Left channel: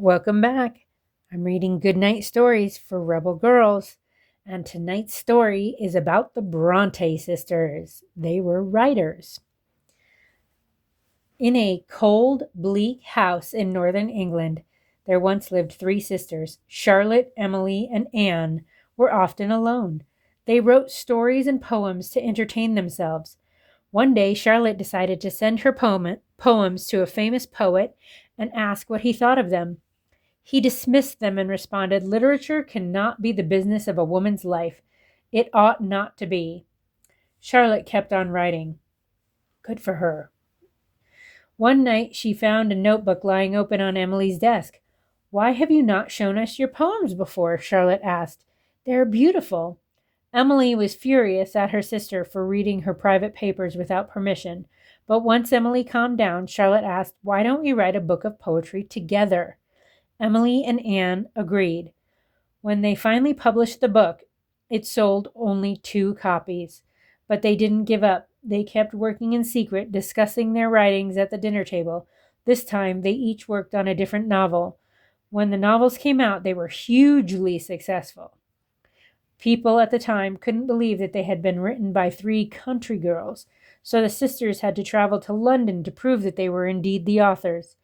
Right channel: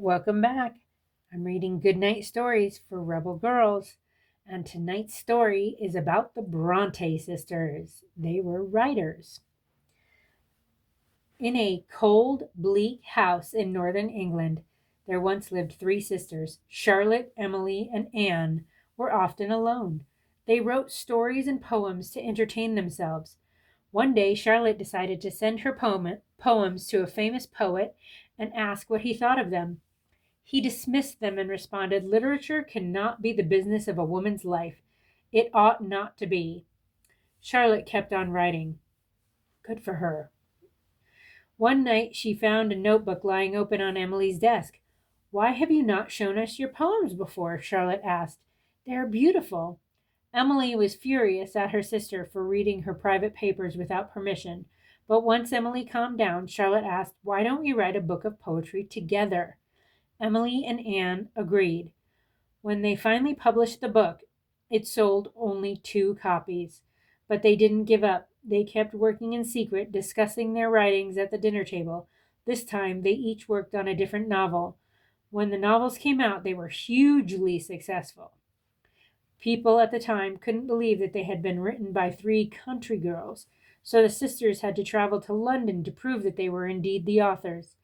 Welcome back. I'm reading Goodnight Stories for Rebel Girls, and tonight's story is about the Brontë sisters. They were writers. In a cold, bleak house in northern England, there once lived three sisters. Charlotte, Emily, and Anne were often alone. They wrote stories and poems to entertain themselves. One day, Charlotte decided to send her poems to a famous poet and ask what he thought of them. He dismissed them and responded, "Literature cannot be the business of a woman's life. It ought not to be." Charlotte kept on writing. Good for her. One night she found a notebook lying open on Emily's desk. "Why have you not shown us your poems before?" Charlotte asked. "They are beautiful." Emily was furious at her sister for reading her private papers without permission. But once Emily calmed down, Charlotte asked, "Why don't we write a book of poetry together?" Emily and Anne agreed. When they finally published the book, it sold only 2 copies. But they didn't give up. They kept working in secret, discussing their writings at the dinner table. This time, they each worked on a different novel. When the novels came out, they were hugely successful. People at the time couldn't believe that they had been written by 3 country girls, so the sisters had to travel to London to prove that they were indeed the authors.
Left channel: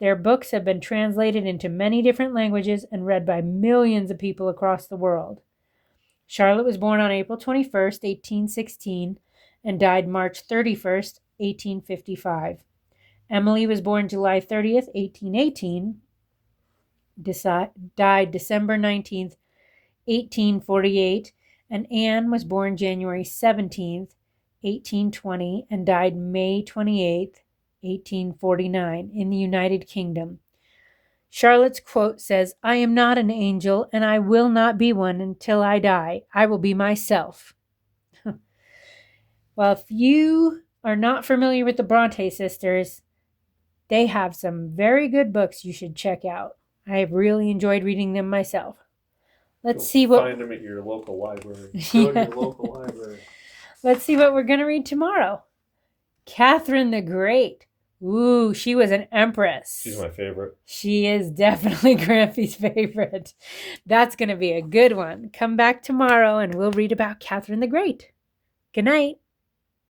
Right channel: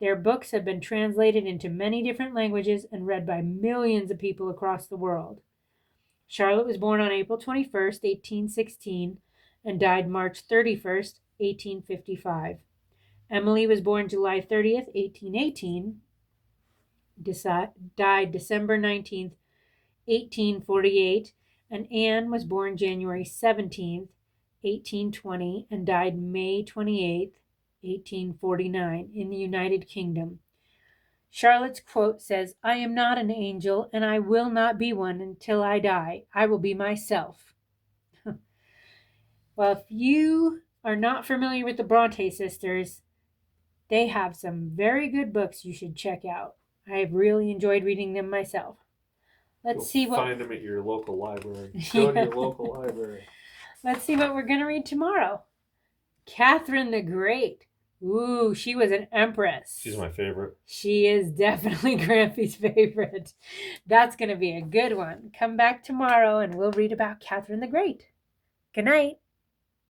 Their books have been translated into many different languages and read by millions of people across the world. Charlotte was born on April 21st, 1816, and died March 31st, 1855. Emily was born July 30th, 1818, died December 19th, 1848, and Anne was born January 17th, 1820, and died May 28th, 1849, in the United Kingdom. Charlotte's quote says, "I am not an angel, and I will not be one until I die. I will be myself." Well, if you are not familiar with the Brontë sisters, they have some very good books you should check out. I have really enjoyed reading them myself. Let's see what... Find them at your local library. Go to your local library. Let's see what we're going to read tomorrow. Catherine the Great. Ooh, she was an empress. She's my favorite. She is definitely Grampy's favorite. That's going to be a good one. Come back tomorrow and we'll read about Catherine the Great. Good night.